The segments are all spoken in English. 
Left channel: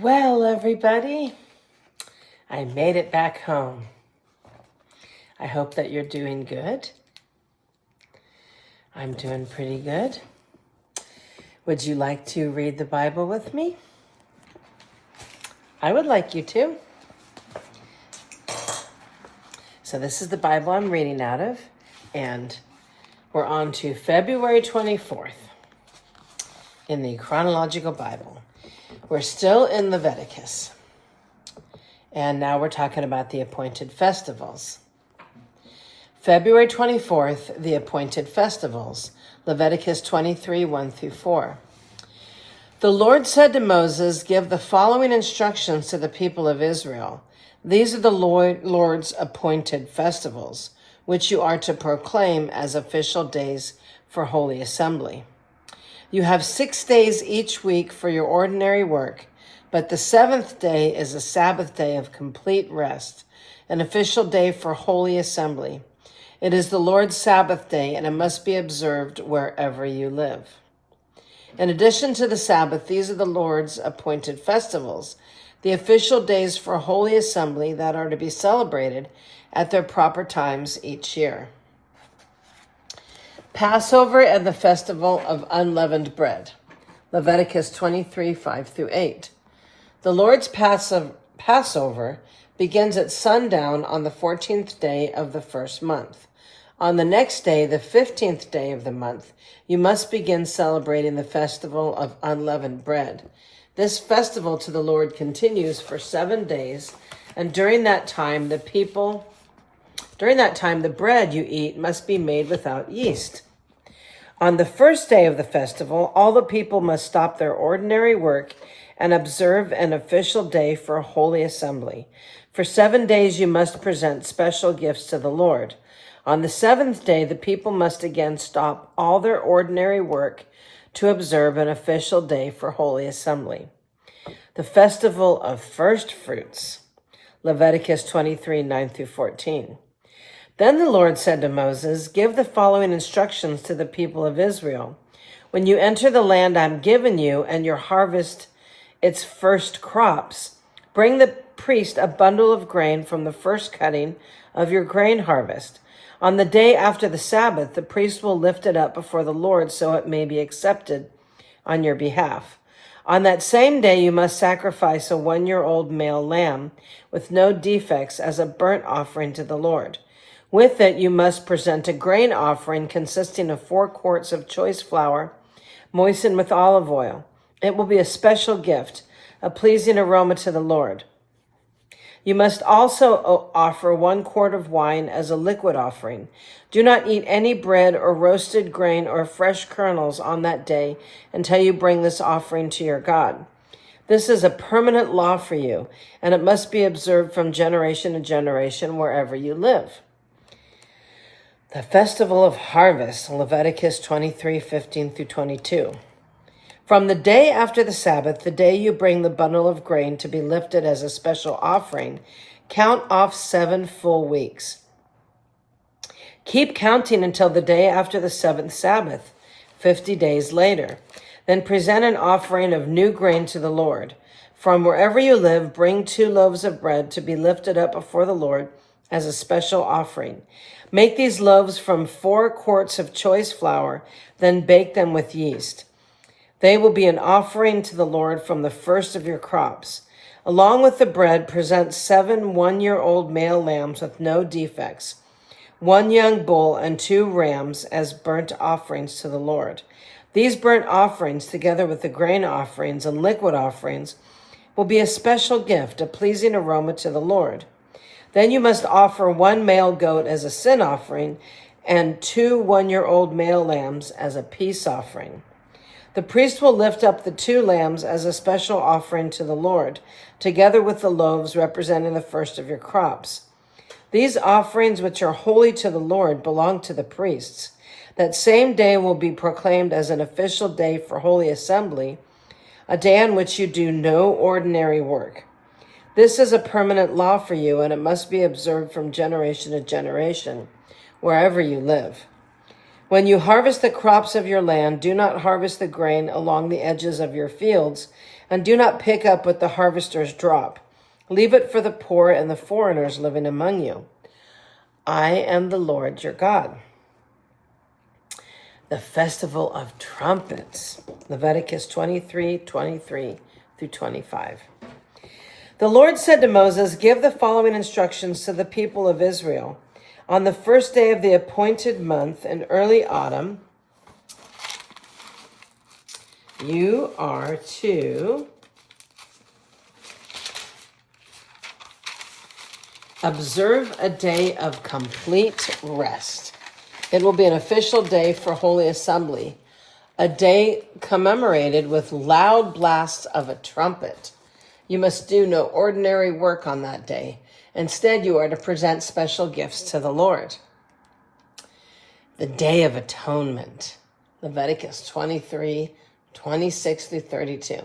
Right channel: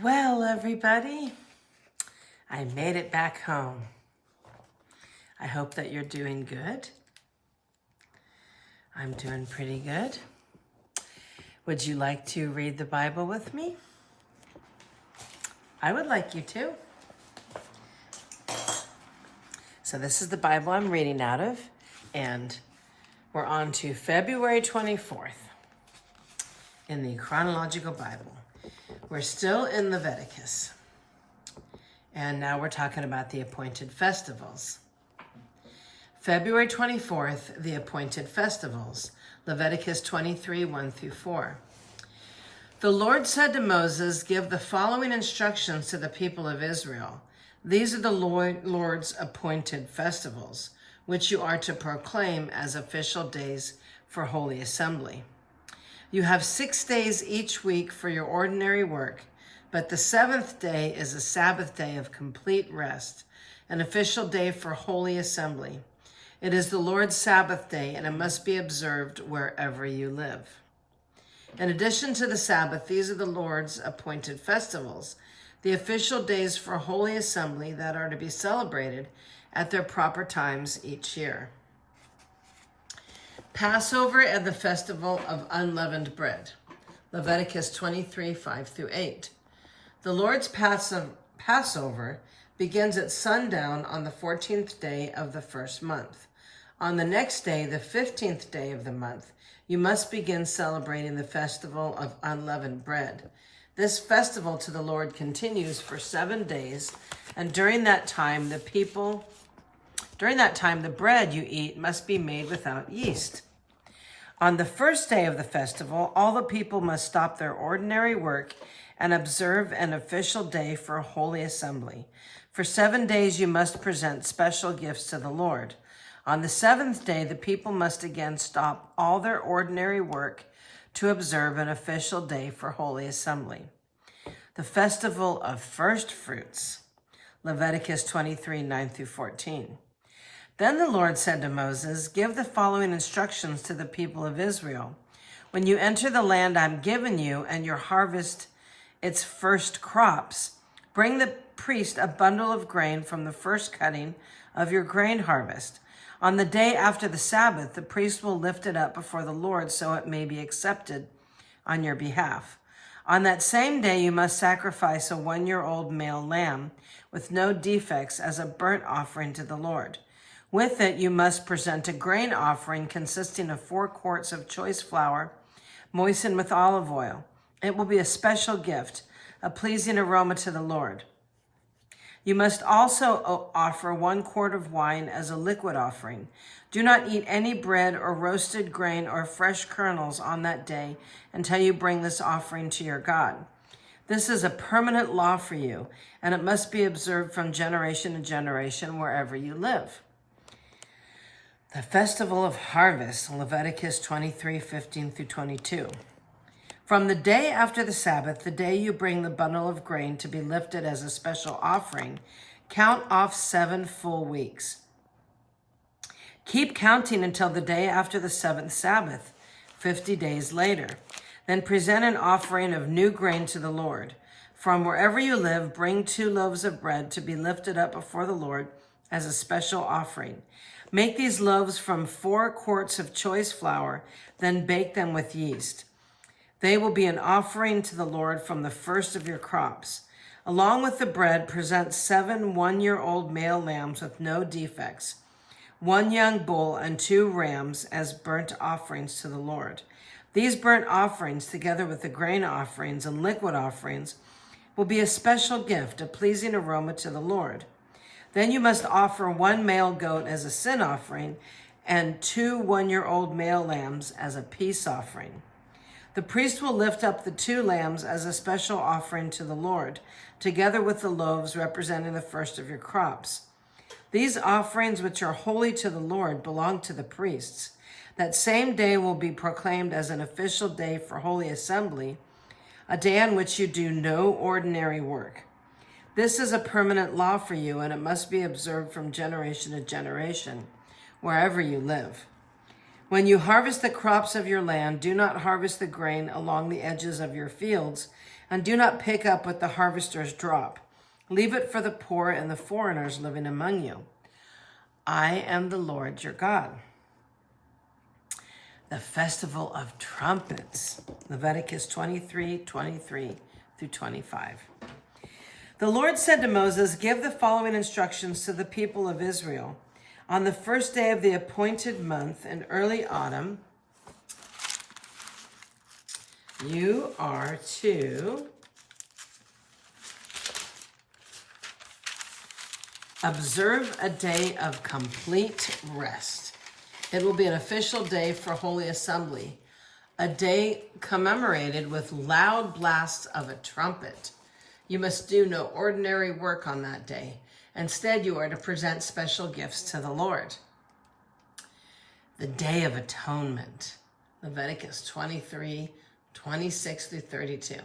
Well, everybody, I made it back home. I hope that you're doing good. I'm doing pretty good. Would you like to read the Bible with me? I would like you to. So this is the Bible I'm reading out of, and we're on to February 24th in the chronological Bible. We're still in Leviticus, and now we're talking about the appointed festivals. February 24th, the appointed festivals, Leviticus 23, 1-4. The Lord said to Moses, "Give the following instructions to the people of Israel. These are the Lord's appointed festivals, which you are to proclaim as official days for holy assembly. You have 6 days each week for your ordinary work, but the seventh day is a Sabbath day of complete rest, an official day for holy assembly. It is the Lord's Sabbath day, and it must be observed wherever you live. In addition to the Sabbath, these are the Lord's appointed festivals, the official days for holy assembly that are to be celebrated at their proper times each year. Passover and the festival of unleavened bread, Leviticus 23, 5-8. The Lord's Passover begins at sundown on the 14th day of the first month. On the next day, the 15th day of the month, you must begin celebrating the festival of unleavened bread. This festival to the Lord continues for 7 days, and during that time, the bread you eat must be made without yeast. On the first day of the festival, all the people must stop their ordinary work and observe an official day for a holy assembly. For 7 days, you must present special gifts to the Lord. On the seventh day, the people must again stop all their ordinary work to observe an official day for holy assembly. The festival of first fruits, Leviticus 23, 9-14. Then the Lord said to Moses, "Give the following instructions to the people of Israel. When you enter the land I'm giving you and you harvest its first crops, bring the priest a bundle of grain from the first cutting of your grain harvest. On the day after the Sabbath, the priest will lift it up before the Lord so it may be accepted on your behalf. On that same day, you must sacrifice a 1-year-old male lamb with no defects as a burnt offering to the Lord. With it, you must present a grain offering consisting of 4 quarts of choice flour, moistened with olive oil. It will be a special gift, a pleasing aroma to the Lord. You must also offer 1 quart of wine as a liquid offering. Do not eat any bread or roasted grain or fresh kernels on that day until you bring this offering to your God. This is a permanent law for you, and it must be observed from generation to generation wherever you live." The Festival of Harvest, Leviticus 23, 15-22. From the day after the Sabbath, the day you bring the bundle of grain to be lifted as a special offering, count off 7 full weeks. Keep counting until the day after the 7th Sabbath, 50 days later. Then present an offering of new grain to the Lord. From wherever you live, bring 2 loaves of bread to be lifted up before the Lord as a special offering. Make these loaves from 4 quarts of choice flour, then bake them with yeast. They will be an offering to the Lord from the first of your crops. Along with the bread, present 7 1-year-old male lambs with no defects, 1 young bull and 2 rams as burnt offerings to the Lord. These burnt offerings, together with the grain offerings and liquid offerings, will be a special gift, a pleasing aroma to the Lord. Then you must offer 1 male goat as a sin offering and 2 1-year-old male lambs as a peace offering. The priest will lift up the 2 lambs as a special offering to the Lord, together with the loaves representing the first of your crops. These offerings, which are holy to the Lord, belong to the priests. That same day will be proclaimed as an official day for holy assembly, a day on which you do no ordinary work. This is a permanent law for you, and it must be observed from generation to generation, wherever you live. When you harvest the crops of your land, do not harvest the grain along the edges of your fields, and do not pick up what the harvesters drop. Leave it for the poor and the foreigners living among you. I am the Lord your God. The Festival of Trumpets, Leviticus 23:23 through 25. The Lord said to Moses, give the following instructions to the people of Israel. On the first day of the appointed month in early autumn, you are to observe a day of complete rest. It will be an official day for Holy Assembly, a day commemorated with loud blasts of a trumpet. You must do no ordinary work on that day. Instead, you are to present special gifts to the Lord. The Day of Atonement, Leviticus 23:26 through 32.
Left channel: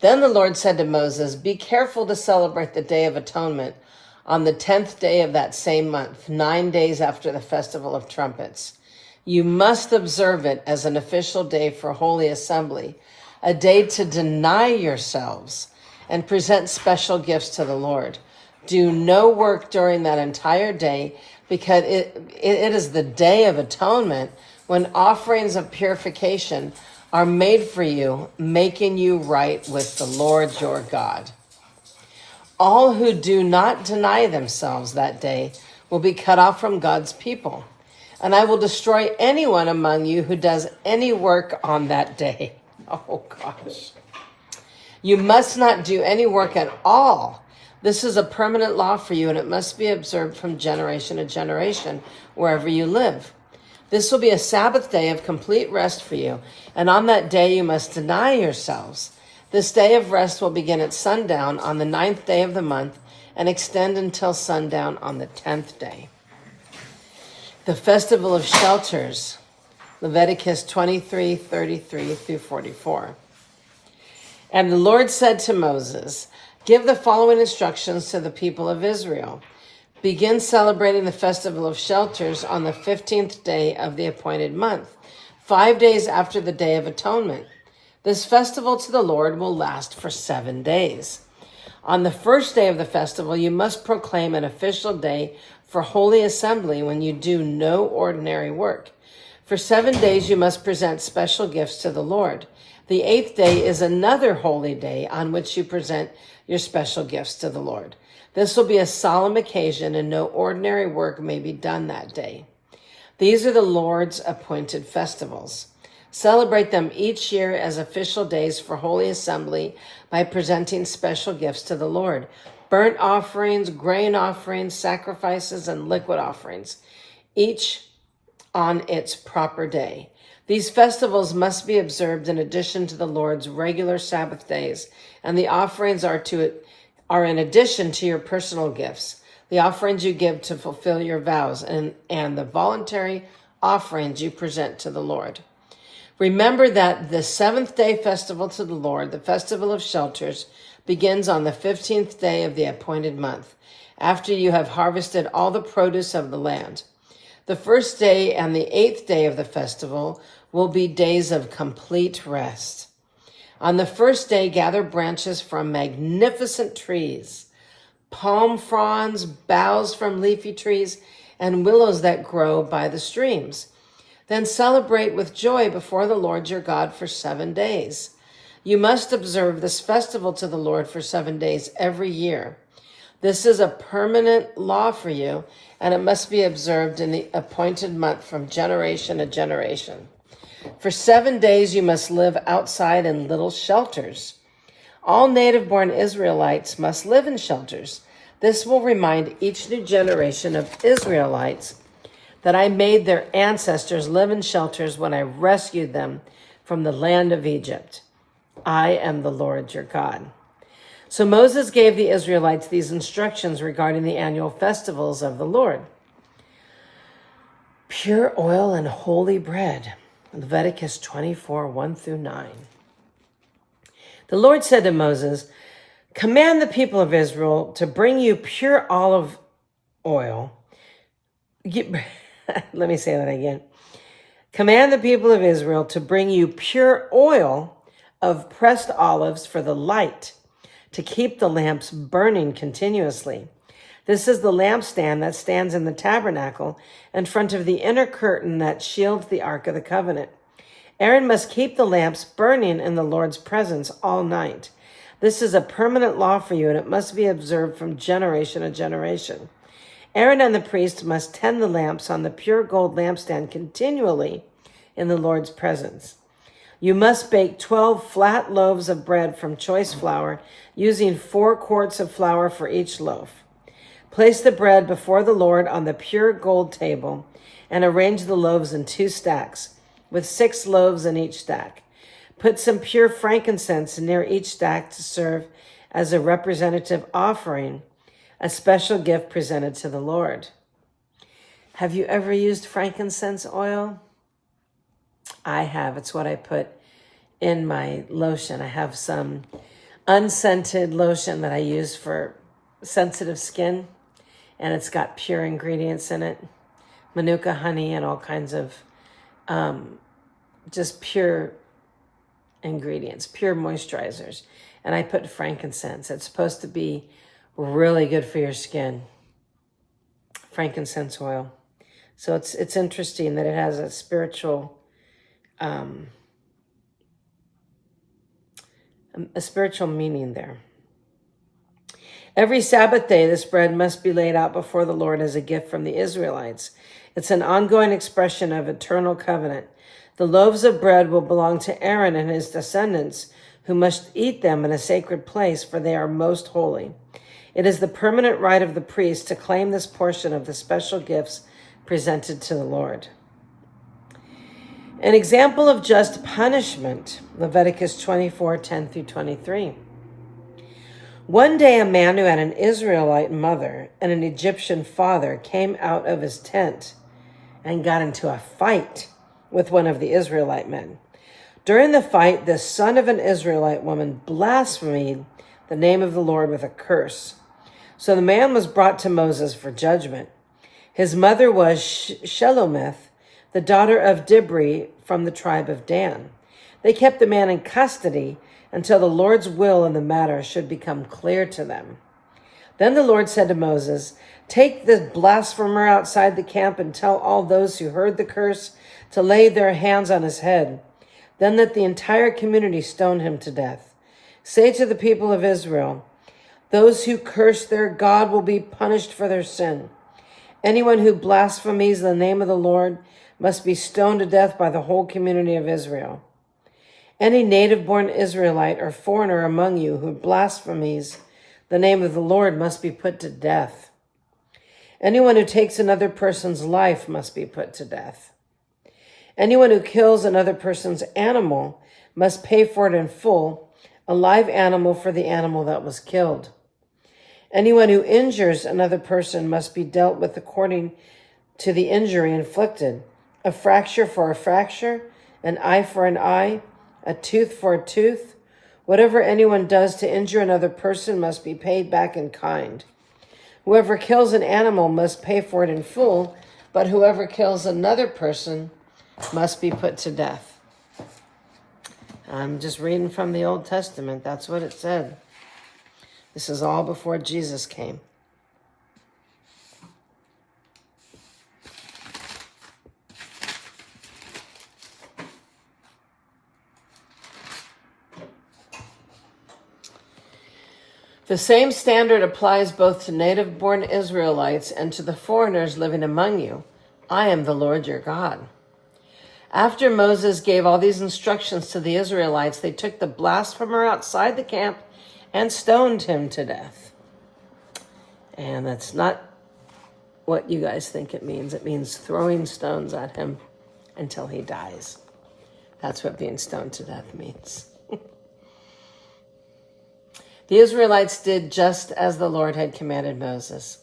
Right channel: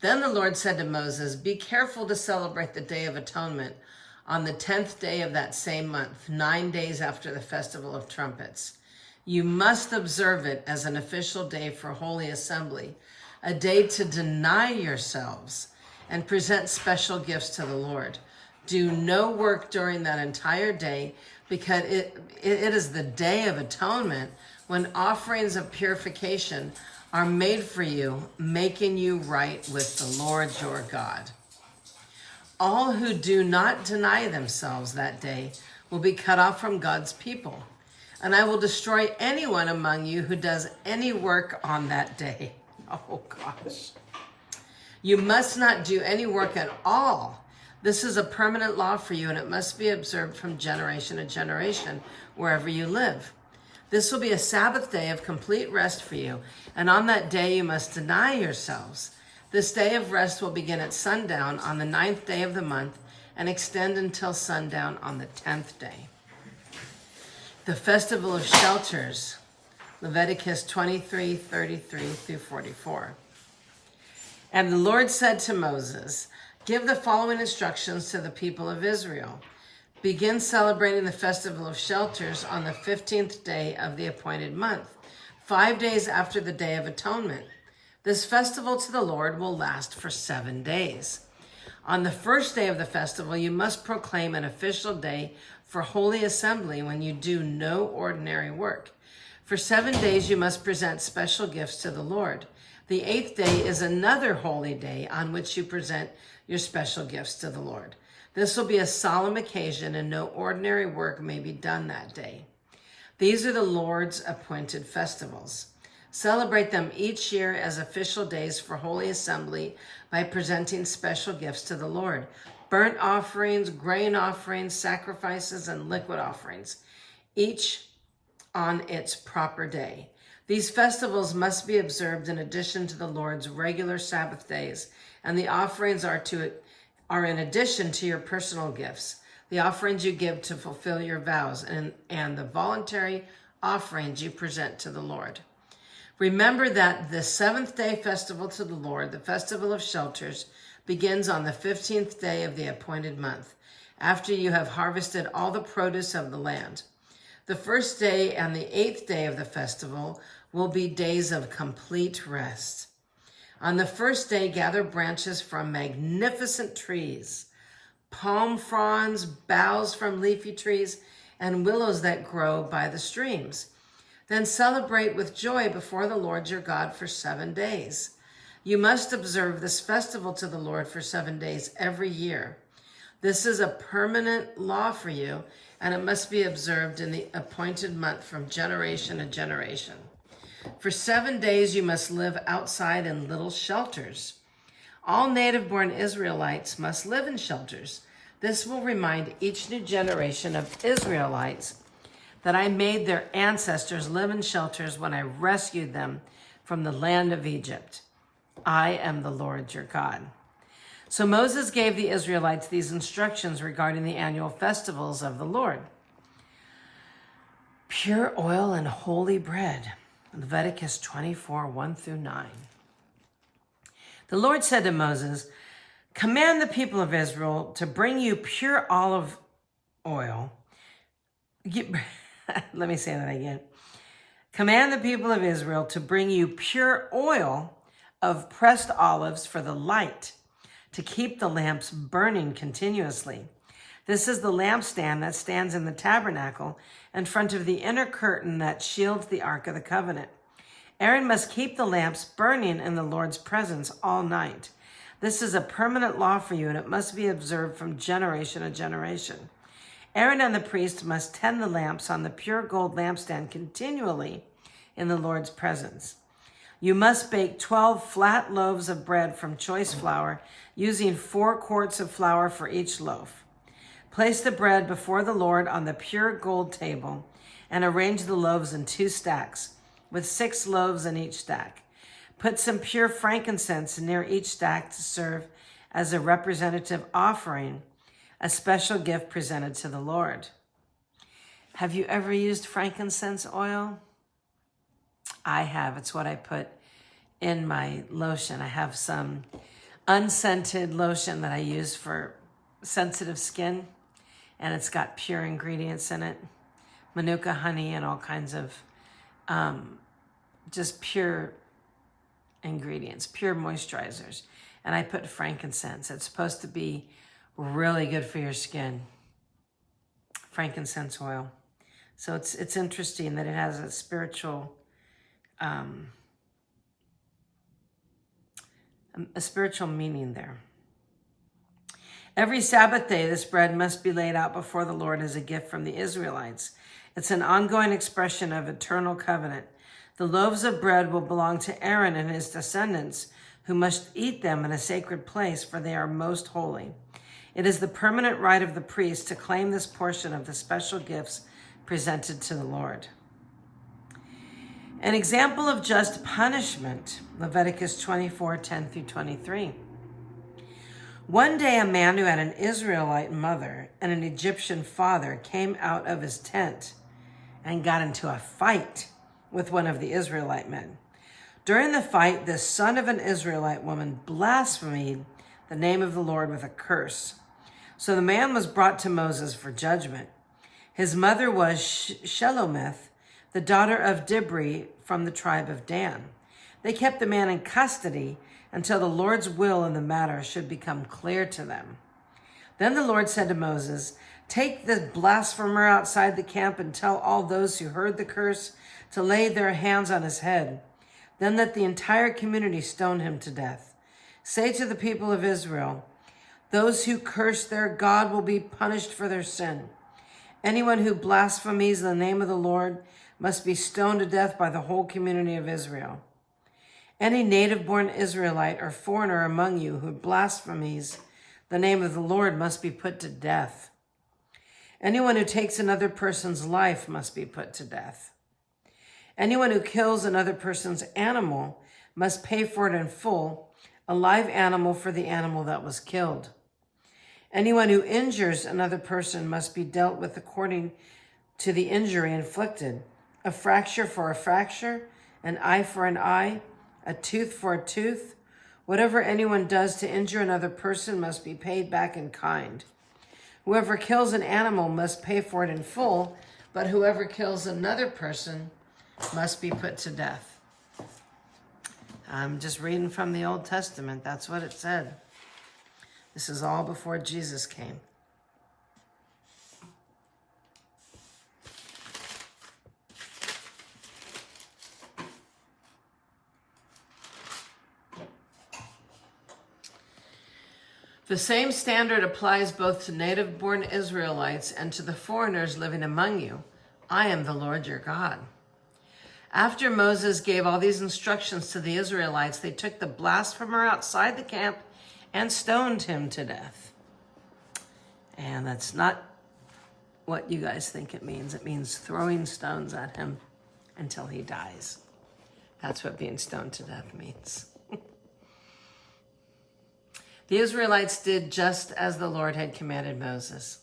Then the Lord said to Moses, be careful to celebrate the Day of Atonement on the 10th day of that same month, 9 days after the Festival of Trumpets. You must observe it as an official day for Holy Assembly, a day to deny yourselves and present special gifts to the Lord. Do no work during that entire day, because it is the Day of Atonement, when offerings of purification are made for you, making you right with the Lord your God. All who do not deny themselves that day will be cut off from God's people, and I will destroy anyone among you who does any work on that day. Oh gosh. You must not do any work at all. This is a permanent law for you, and it must be observed from generation to generation, wherever you live. This will be a Sabbath day of complete rest for you, and on that day you must deny yourselves. This day of rest will begin at sundown on the 9th day of the month and extend until sundown on the 10th day. The Festival of Shelters, Leviticus 23:33 through 44. And the Lord said to Moses, give the following instructions to the people of Israel. Begin celebrating the Festival of Shelters on the 15th day of the appointed month, 5 days after the Day of Atonement. This festival to the Lord will last for 7 days. On the first day of the festival, you must proclaim an official day for Holy Assembly when you do no ordinary work. For 7 days, you must present special gifts to the Lord. The 8th day is another holy day on which you present your special gifts to the Lord. This will be a solemn occasion, and no ordinary work may be done that day. These are the Lord's appointed festivals. Celebrate them each year as official days for Holy Assembly by presenting special gifts to the Lord. Burnt offerings, grain offerings, sacrifices, and liquid offerings, each on its proper day. These festivals must be observed in addition to the Lord's regular Sabbath days, and the offerings are in addition to your personal gifts, the offerings you give to fulfill your vows, and the voluntary offerings you present to the Lord. Remember that the 7th day festival to the Lord, the Festival of Shelters, begins on the 15th day of the appointed month, after you have harvested all the produce of the land. The first day and the 8th day of the festival will be days of complete rest. On the first day, gather branches from magnificent trees, palm fronds, boughs from leafy trees, and willows that grow by the streams. Then celebrate with joy before the Lord your God for 7 days. You must observe this festival to the Lord for 7 days every year. This is a permanent law for you, and it must be observed in the appointed month from generation to generation. For 7 days you must live outside in little shelters. All native-born Israelites must live in shelters. This will remind each new generation of Israelites that I made their ancestors live in shelters when I rescued them from the land of Egypt. I am the Lord your God. So Moses gave the Israelites these instructions regarding the annual festivals of the Lord. Pure oil and holy bread, Leviticus 24:1 through 9. The Lord said to Moses, command the people of Israel to bring you pure olive oil. Let me say that again. Command the people of Israel to bring you pure oil of pressed olives for the light, to keep the lamps burning continuously. This is the lampstand that stands in the tabernacle in front of the inner curtain that shields the Ark of the Covenant. Aaron must keep the lamps burning in the Lord's presence all night. This is a permanent law for you, and it must be observed from generation to generation. Aaron and the priest must tend the lamps on the pure gold lampstand continually in the Lord's presence. You must bake 12 flat loaves of bread from choice flour, using 4 quarts of flour for each loaf. Place the bread before the Lord on the pure gold table and arrange the loaves in 2 stacks, with 6 loaves in each stack. Put some pure frankincense near each stack to serve as a representative offering, a special gift presented to the Lord. Have you ever used frankincense oil? I have. It's what I put in my lotion. I have some unscented lotion that I use for sensitive skin, and it's got pure ingredients in it. Manuka honey and all kinds of just pure ingredients, pure moisturizers. And I put frankincense. It's supposed to be really good for your skin. Frankincense oil. So it's interesting that it has a spiritual meaning there. Every Sabbath day, this bread must be laid out before the Lord as a gift from the Israelites. It's an ongoing expression of eternal covenant. The loaves of bread will belong to Aaron and his descendants, who must eat them in a sacred place, for they are most holy. It is the permanent right of the priest to claim this portion of the special gifts presented to the Lord. An example of just punishment, Leviticus 24:10-23. One day a man who had an Israelite mother and an Egyptian father came out of his tent and got into a fight with one of the Israelite men. During the fight, the son of an Israelite woman blasphemed the name of the Lord with a curse. So the man was brought to Moses for judgment. His mother was Shelomith, the daughter of Dibri from the tribe of Dan. They kept the man in custody until the Lord's will in the matter should become clear to them. Then the Lord said to Moses, "Take the blasphemer outside the camp and tell all those who heard the curse to lay their hands on his head. Then let the entire community stone him to death. Say to the people of Israel, those who curse their God will be punished for their sin. Anyone who blasphemes the name of the Lord must be stoned to death by the whole community of Israel. Any native-born Israelite or foreigner among you who blasphemes the name of the Lord must be put to death. Anyone who takes another person's life must be put to death. Anyone who kills another person's animal must pay for it in full, a live animal for the animal that was killed. Anyone who injures another person must be dealt with according to the injury inflicted. A fracture for a fracture, an eye for an eye, a tooth for a tooth. Whatever anyone does to injure another person must be paid back in kind. Whoever kills an animal must pay for it in full, but whoever kills another person must be put to death." I'm just reading from the Old Testament. That's what it said. This is all before Jesus came. The same standard applies both to native-born Israelites and to the foreigners living among you. I am the Lord your God. After Moses gave all these instructions to the Israelites, they took the blasphemer outside the camp and stoned him to death. And that's not what you guys think it means. It means throwing stones at him until he dies. That's what being stoned to death means. The Israelites did just as the Lord had commanded Moses.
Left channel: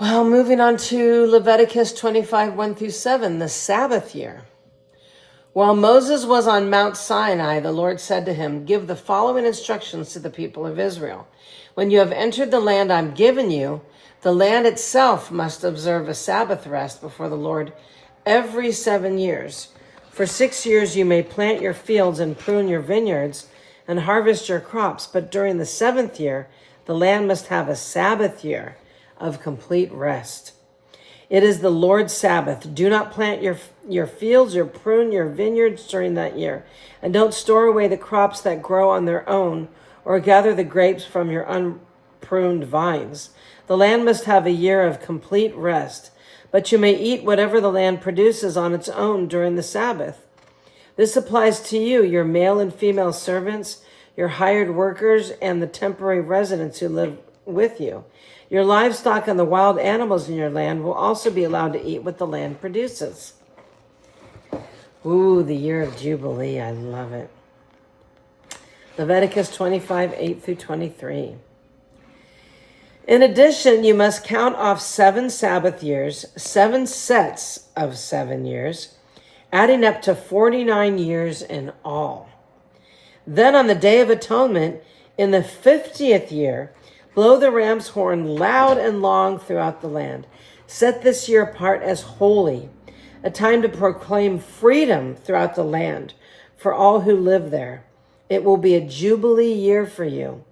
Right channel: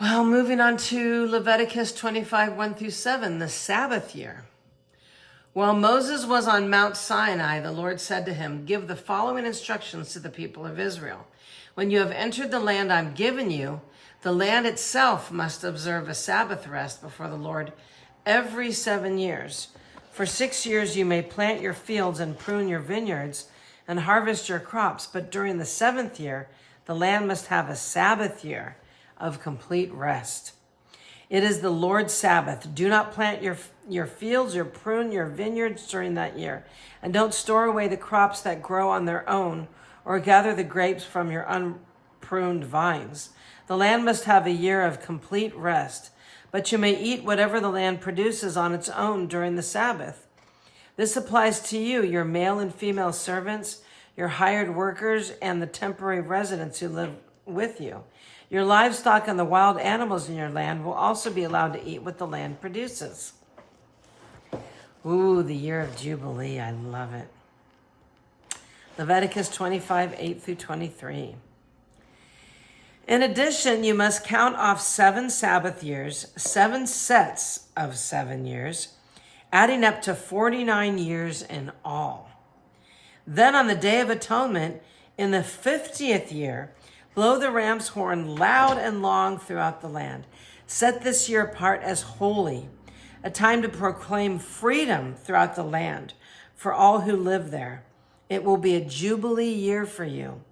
Well, moving on to Leviticus 25:1-7, the Sabbath year. While Moses was on Mount Sinai, the Lord said to him, "Give the following instructions to the people of Israel. When you have entered the land I'm giving you, the land itself must observe a Sabbath rest before the Lord every 7 years. For 6 years you may plant your fields and prune your vineyards and harvest your crops, but during the 7th year, the land must have a Sabbath year of complete rest. It is the Lord's Sabbath. Do not plant your fields or prune your vineyards during that year, and don't store away the crops that grow on their own or gather the grapes from your unpruned vines. The land must have a year of complete rest, but you may eat whatever the land produces on its own during the Sabbath. This applies to you, your male and female servants, your hired workers, and the temporary residents who live with you. Your livestock and the wild animals in your land will also be allowed to eat what the land produces. Ooh, the year of Jubilee. I love it. Leviticus 25, 8 through 23. In addition, you must count off 7 Sabbath years, 7 sets of 7 years, adding up to 49 years in all. Then on the Day of Atonement, in the 50th year, blow the ram's horn loud and long throughout the land. Set this year apart as holy, a time to proclaim freedom throughout the land for all who live there. It will be a Jubilee year for you,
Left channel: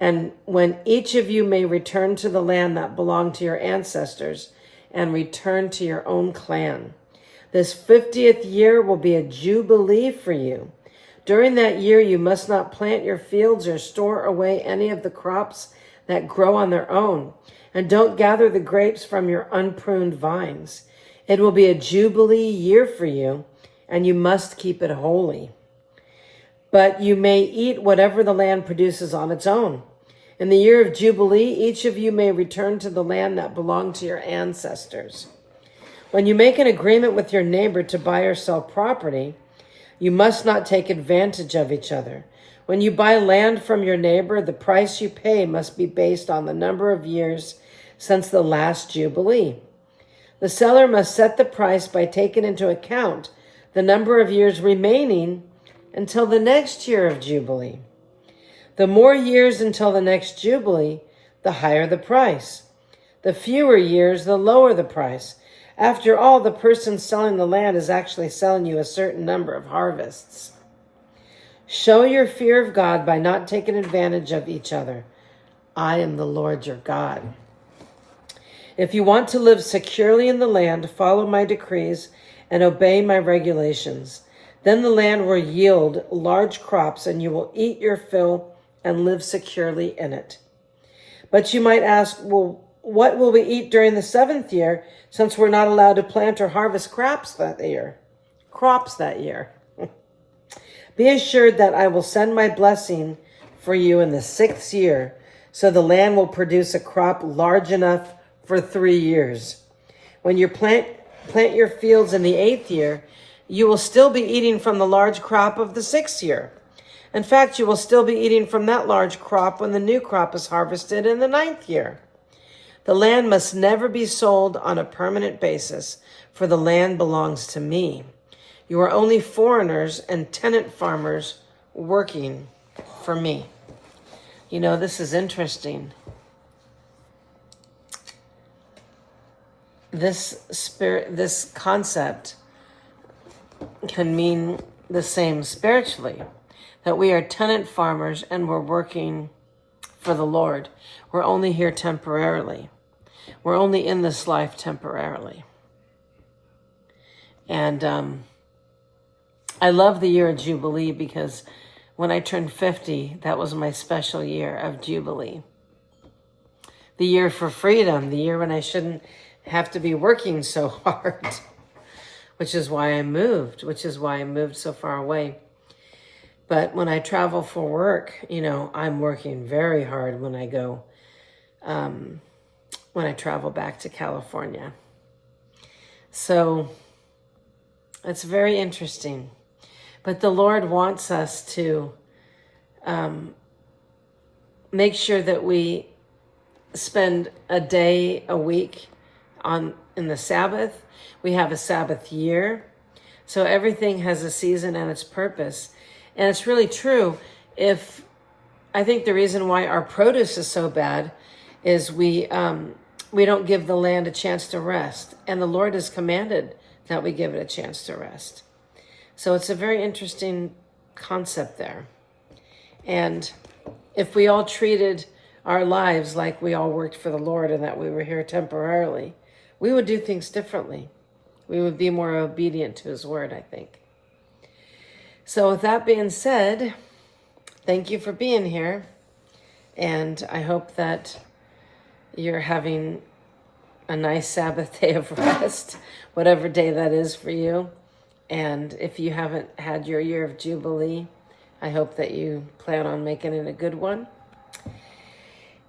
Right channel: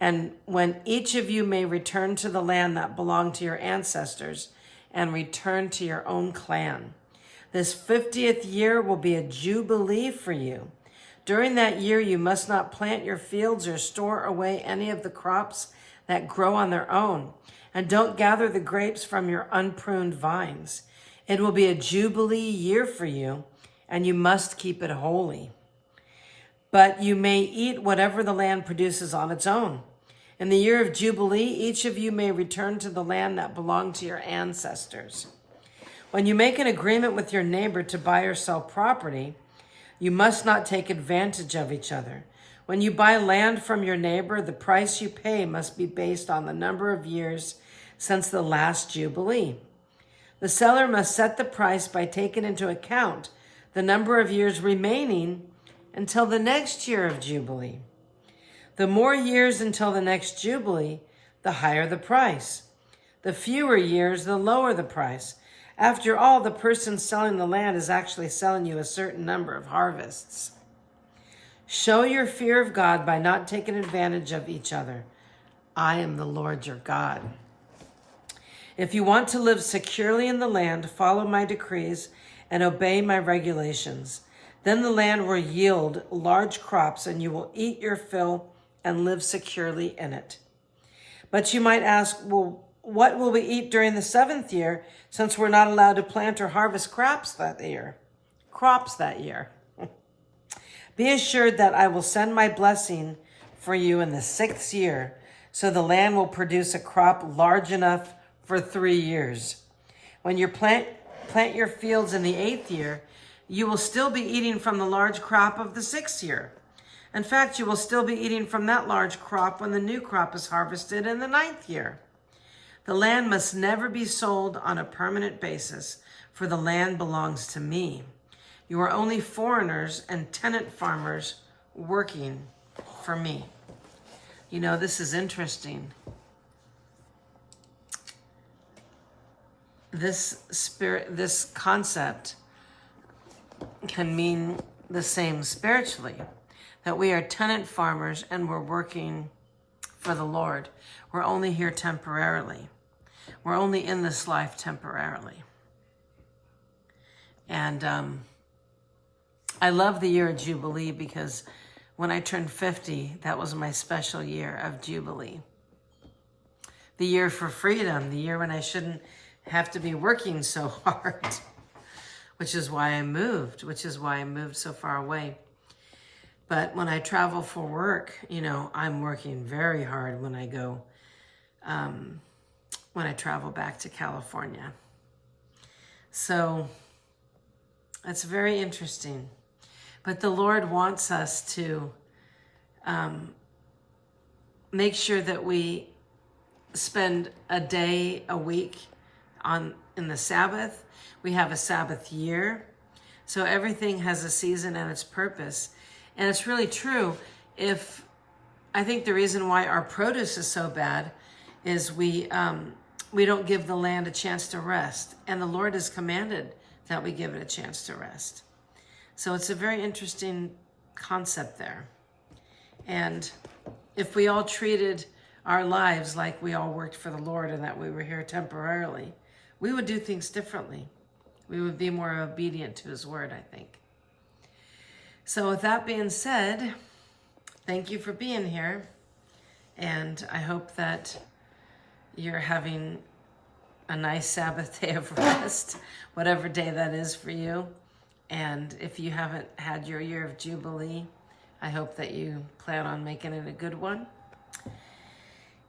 and when each of you may return to the land that belonged to your ancestors and return to your own clan. This 50th year will be a Jubilee for you. During that year, you must not plant your fields or store away any of the crops that grow on their own, and don't gather the grapes from your unpruned vines. It will be a Jubilee year for you, and you must keep it holy. But you may eat whatever the land produces on its own. In the year of Jubilee, each of you may return to the land that belonged to your ancestors. When you make an agreement with your neighbor to buy or sell property, you must not take advantage of each other. When you buy land from your neighbor, the price you pay must be based on the number of years since the last Jubilee. The seller must set the price by taking into account the number of years remaining until the next year of Jubilee. The more years until the next Jubilee, the higher the price. The fewer years, the lower the price. After all, the person selling the land is actually selling you a certain number of harvests. Show your fear of God by not taking advantage of each other. I am the Lord your God. If you want to live securely in the land, follow my decrees and obey my regulations. Then the land will yield large crops, and you will eat your fill and live securely in it. But you might ask, well, what will we eat during the 7th year, since we're not allowed to plant or harvest crops that year? Be assured that I will send my blessing for you in the 6th year, so the land will produce a crop large enough for 3 years. When you plant your fields in the 8th year, you will still be eating from the large crop of the 6th year. In fact, you will still be eating from that large crop when the new crop is harvested in the 9th year. The land must never be sold on a permanent basis, for the land belongs to me. You are only foreigners and tenant farmers working for me. You know, this is interesting. This concept can mean the same spiritually, that we are tenant farmers and we're working for the Lord. We're only here temporarily. We're only in this life temporarily. And I love the year of Jubilee because when I turned 50, that was my special year of Jubilee. The year for freedom, the year when I shouldn't have to be working so hard, which is why I moved so far away. But when I travel for work, you know, I'm working very hard when I go, when I travel back to California. So it's very interesting. But the Lord wants us to make sure that we spend a day a week in the Sabbath. We have a Sabbath year. So everything has a season and its purpose. And it's really true. I think the reason why our produce is so bad is we don't give the land a chance to rest. And the Lord has commanded that we give it a chance to rest. So it's a very interesting concept there. And if we all treated our lives like we all worked for the Lord and that we were here temporarily, we would do things differently. We would be more obedient to his word, I think. So with that being said, thank you for being here. And I hope that you're having a nice Sabbath day of rest, whatever day that is for you. And if you haven't had your year of Jubilee, I hope that you plan on making it a good one.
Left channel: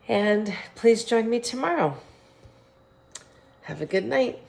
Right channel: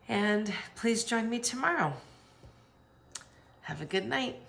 And please join me tomorrow. Have a good night.